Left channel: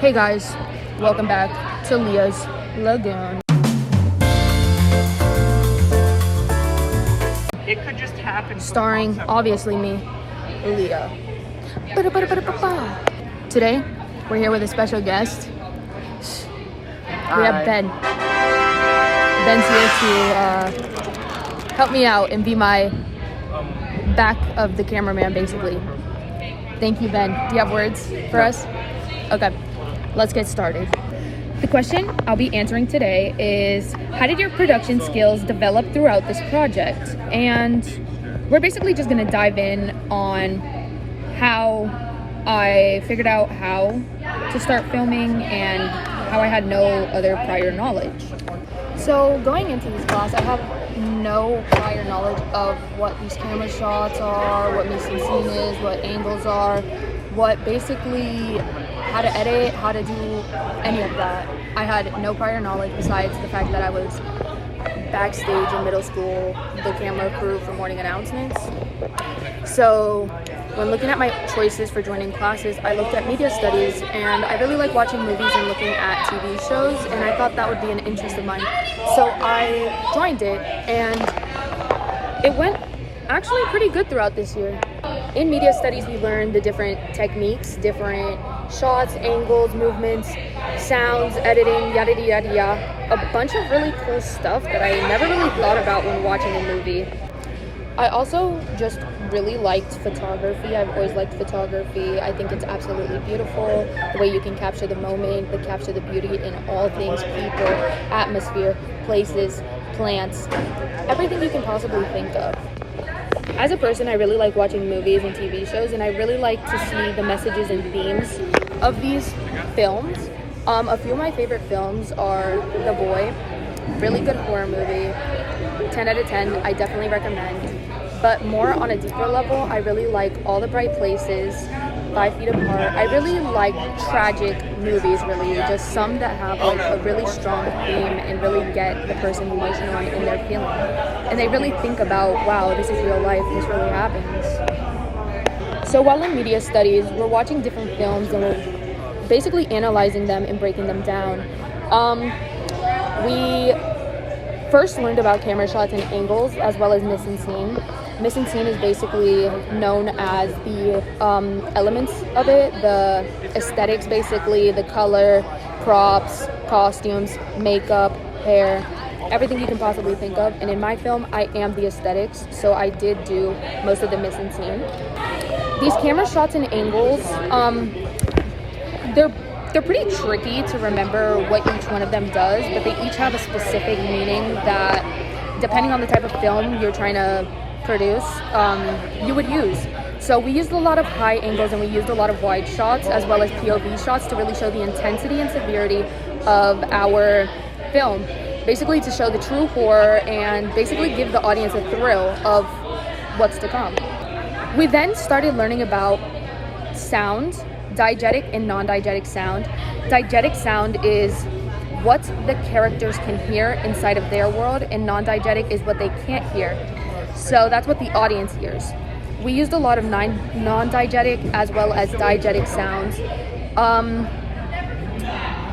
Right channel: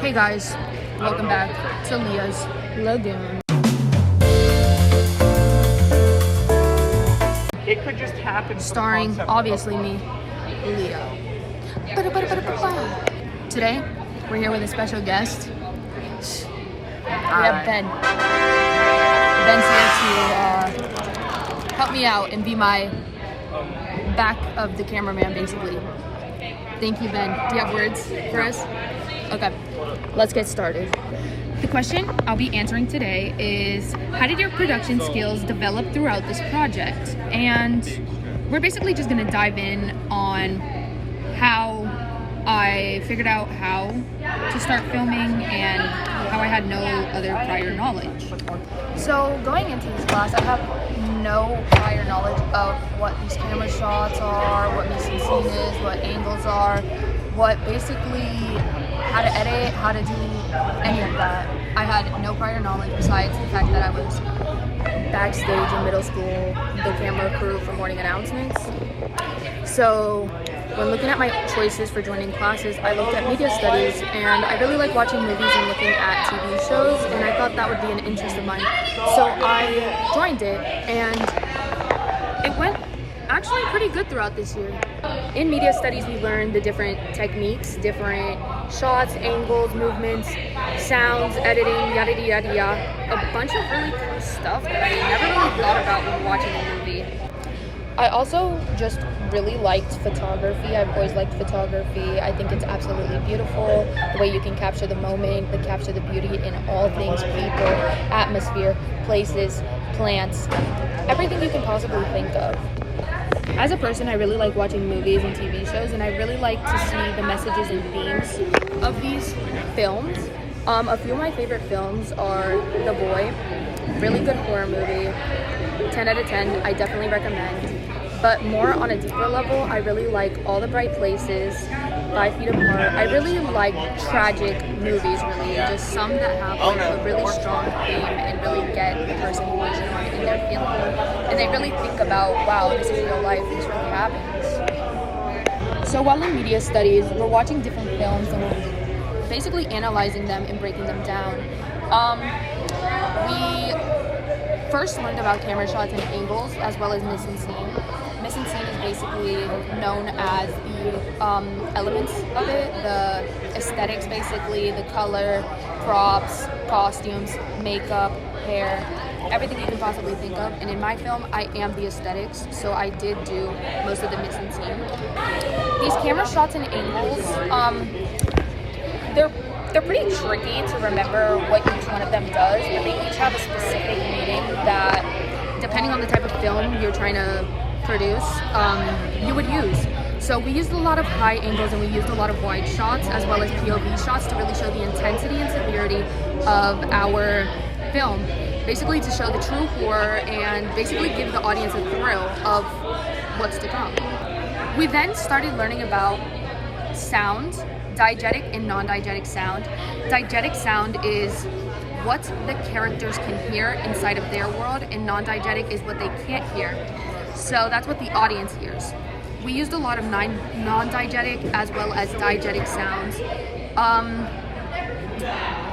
Hey guys, welcome back to Leah's Lagoon. It could just happen. Starring, obviously, me, Leah. Today, we're here with a special guest. We have Ben. Ben's here to help me out and be my back of the cameraman, basically. Thank you, Ben. Do you have words for us? Okay, let's get started. The question I'll be answering today is, how did your production skills develop throughout this project? And we're basically just gonna dive in on how I figured out how to start filming and how I had no other prior knowledge. So going into this class, I have no prior knowledge of what these camera shots are, what mise en scene is, what angles are, what basically how to edit, how to do any of that. I had no prior knowledge besides the fact that I was backstage in middle school, the camera crew for morning announcements. So when looking at my choices for joining classes, I looked at media studies, and I really like watching movies and looking at TV shows, and I thought that would be an interest of mine. So I joined it, and it went actually pretty good throughout this year. In media studies, we learned the different techniques, different shots, angles, movements, sounds, editing, yada yada yada. A bunch of really cool stuff that I never really thought about when watching a movie. I also just really liked photography. I've always liked photography. I think it's absolutely beautiful, the way you can capture the moment, capture the beauty in all things, people, atmosphere, places, plants, everything you can possibly think of. As a person, I really like watching movies and TV shows, and I really like to see the messages and themes of these films. A few of my favorite films are The Boy, really good horror movie, 10 out of 10, I definitely recommend. But more on a deeper level, I really like All the Bright Places, 5 Feet Apart. I really like tragic movies, really, just some that have like a really strong theme and really get the person emotional in their feeling. And they really think about, wow, this is real life, this really happens. So while in media studies, we're watching different films and we're basically analyzing them and breaking them down. We first learned about camera shots and angles, as well as mise en scene. Mise en scene is basically known as the elements of it, the aesthetics, basically, the color, props, costumes, makeup, hair, everything you can possibly think of. And in my film, I am the aesthetics, so I did do most of the mise en scene. These camera shots and angles, they're pretty tricky to remember what each one of them does, but they each have a specific meaning that, depending on the type of film you're trying to produce, you would use. So we used a lot of high angles and we used a lot of wide shots as well as POV shots to really show the intensity and severity of our film. Basically to show the true horror and basically give the audience a thrill of what's to come. We then started learning about sound, diegetic and non-diegetic sound. Diegetic sound is what the characters can hear inside of their world, and non-diegetic is what they can't hear. So that's what the audience hears. We used a lot of non-diegetic as well as diegetic sounds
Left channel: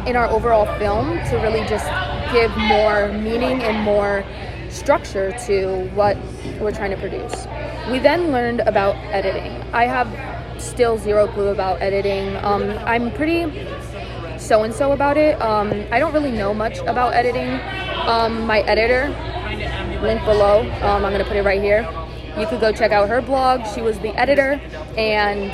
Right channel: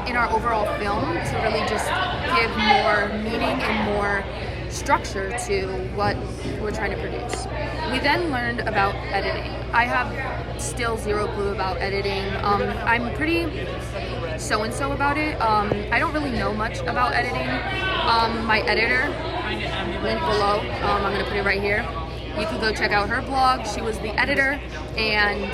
in our overall film to really just give more meaning and more structure to what we're trying to produce. We then learned about editing. I have still zero clue about editing. I'm pretty so-and-so about it. I don't really know much about editing. My editor, link below, I'm gonna put it right here. You could go check out her blog. She was the editor and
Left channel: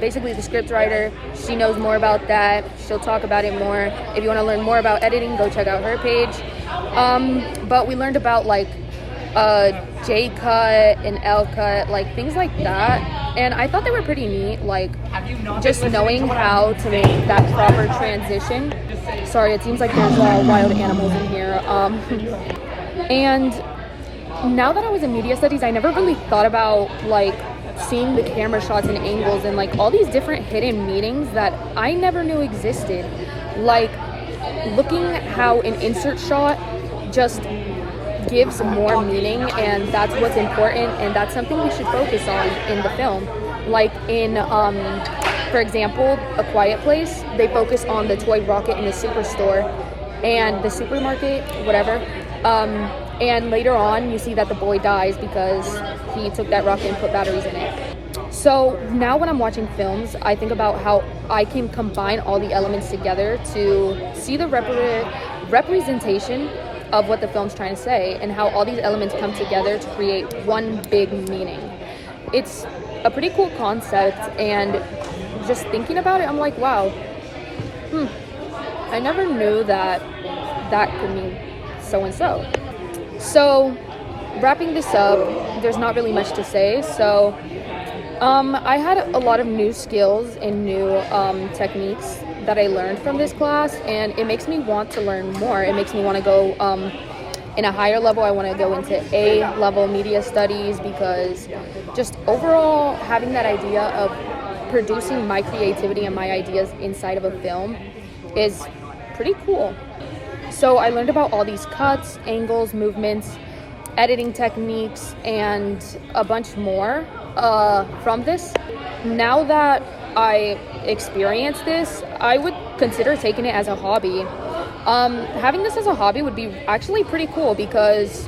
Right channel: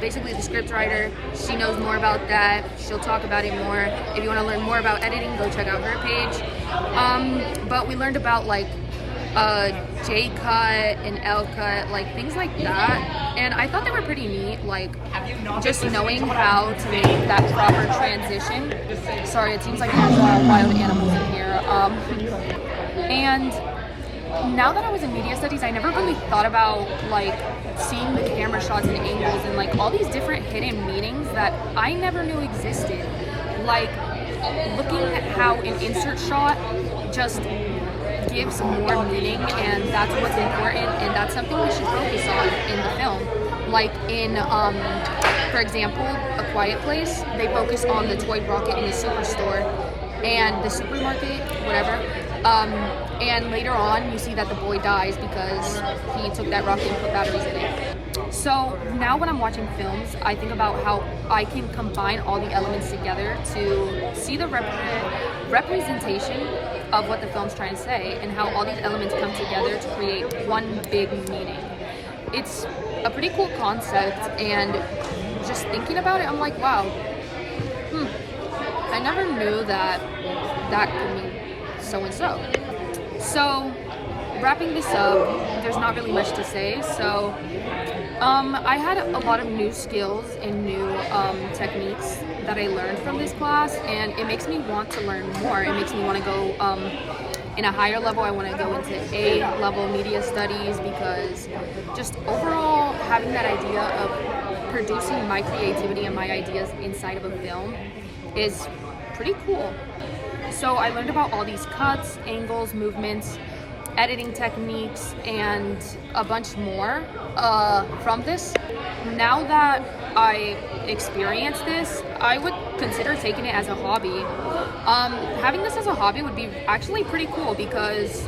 basically the script writer. She knows more about that. She'll talk about it more. If you want to learn more about editing, go check out her page. But we learned about like J cut and L cut, like things like that, and I thought they were pretty neat, like just knowing how to make that proper transition. Sorry, it seems like there's wild animals in here. And now that I was in media studies, I never really thought about like seeing the camera shots and angles and like all these different hidden meanings that I never knew existed. Like looking at how an insert shot just gives more meaning, and that's what's important, and that's something we should focus on in the film. Like in For example, A Quiet Place, they focus on the toy rocket in the superstore and the supermarket, whatever. And later on, you see that the boy dies because he took that rocket and put batteries in it. So now when I'm watching films, I think about how I can combine all the elements together to see the representation of what the film's trying to say, and how all these elements come together to create one big meaning. It's a pretty cool concept, and just thinking about it, I'm like, wow, I never knew that that could mean so and so. So wrapping this up, there's not really much to say. So I had a lot of new skills and new techniques that I learned from this class, and it makes me want to learn more. It makes me want to go in a higher level. I want to go into A-level media studies, because just overall having that idea of producing my creativity and my ideas inside of a film is pretty cool. So I learned about all these cuts, angles, movements, editing techniques, and a bunch more from this. Now that I experienced this, I would consider taking it as a hobby. Having this as a hobby would be actually pretty cool, because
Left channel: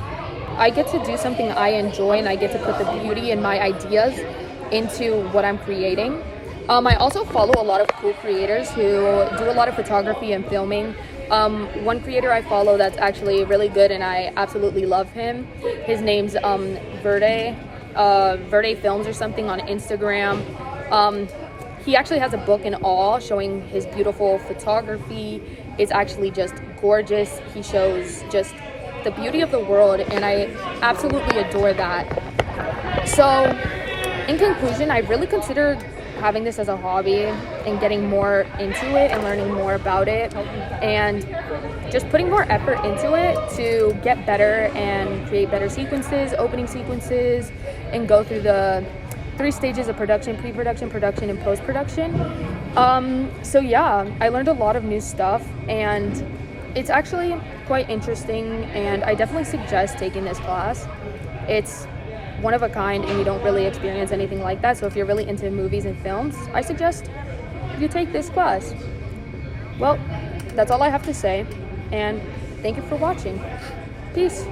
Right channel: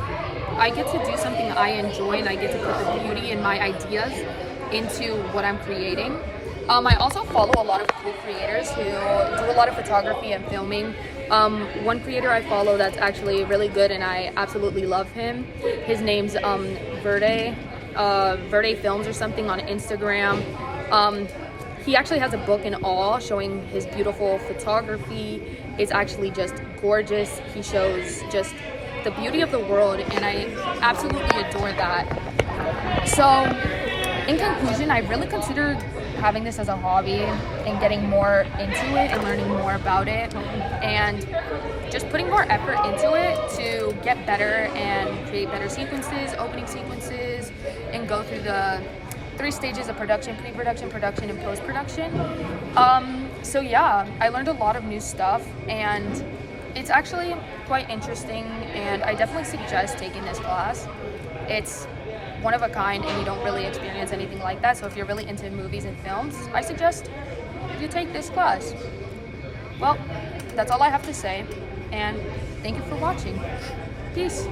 I get to do something I enjoy, and I get to put the beauty in my ideas into what I'm creating. I also follow a lot of cool creators who do a lot of photography and filming. One creator I follow that's actually really good, and I absolutely love him. His name's Verde Films or something on Instagram. He actually has a book and all showing his beautiful photography. It's actually just gorgeous. He shows just the beauty of the world, and I absolutely adore that. So in conclusion, I really considered having this as a hobby and getting more into it and learning more about it, and just putting more effort into it to get better and create better sequences, opening sequences, and go through the 3 stages of production: pre-production, production, and post-production. So yeah, I learned a lot of new stuff, and it's actually quite interesting, and I definitely suggest taking this class. It's one of a kind, and you don't really experience anything like that. So if you're really into movies and films, I suggest you take this class. Well, that's all I have to say, and thank you for watching. Peace.